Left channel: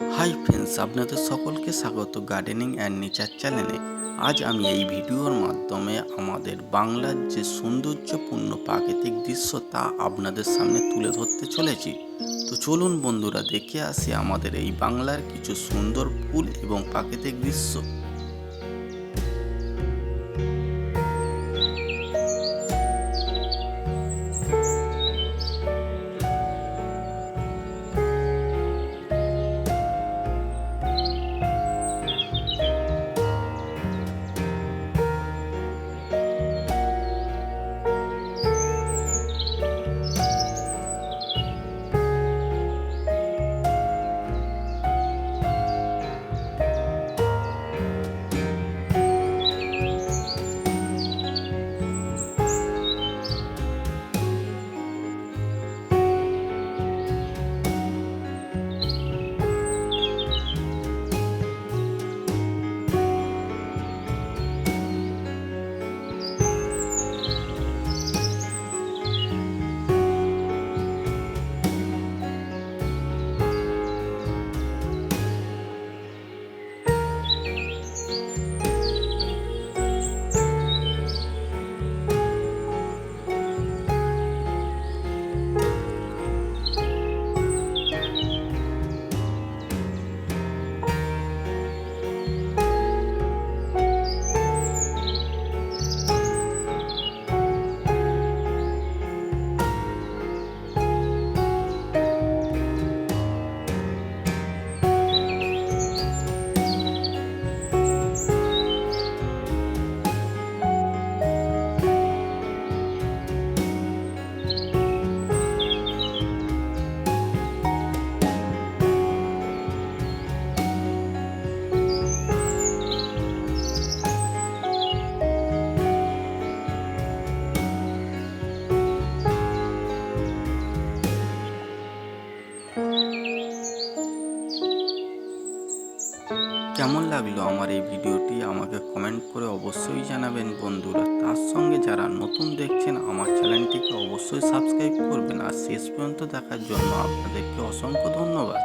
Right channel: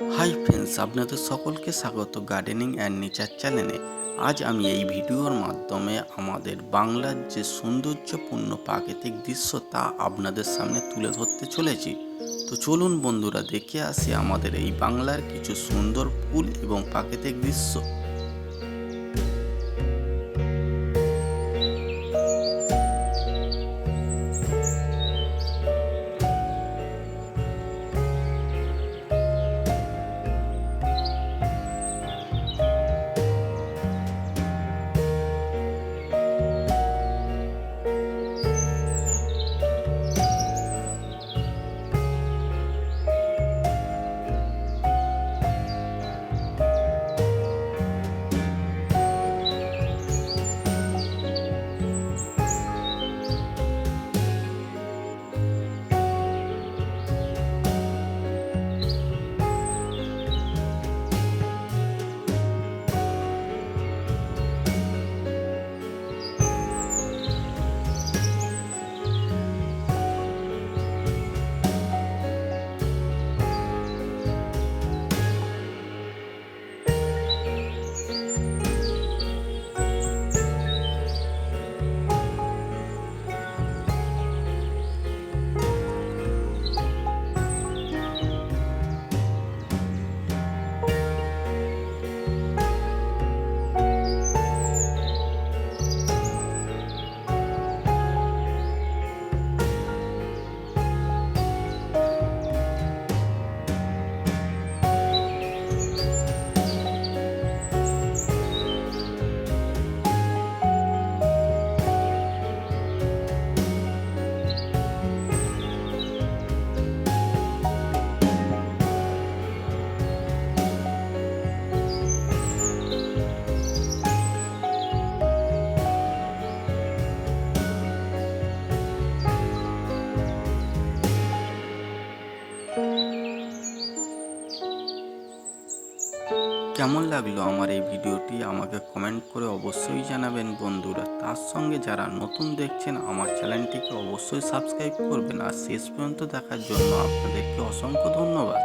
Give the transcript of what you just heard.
Hi friends, আপনাদের সকলকে স্বাগত গার্ডেনিং অ্যান্ড নেচার চ্যানেলে। আজ আমি এই ভিডিওর মাধ্যমে আমাদের বাংলার যে সৌন্দর্যপূর্ণ প্রাকৃতিক দৃশ্য তা আপনাদের সামনে তুলে ধরতে চলেছি। তো চলুন বন্ধুরা, দেখে আসি আমাদের এই বাংলার কিছু সুন্দর ফুল এবং প্রাকৃতিক দৃশ্য। কেমন লাগলো আমার এই ভিডিওটি আমাকে কমেন্ট করে অবশ্যই জানাবেন বন্ধুরা। তার সঙ্গে যারা নতুন দেখছেন আমার চ্যানেলটিকে অবশ্যই সাবস্ক্রাইব করবেন। আর শেষ পর্যন্ত দেখার জন্য আপনাদেরকে অসংখ্য ধন্যবাদ।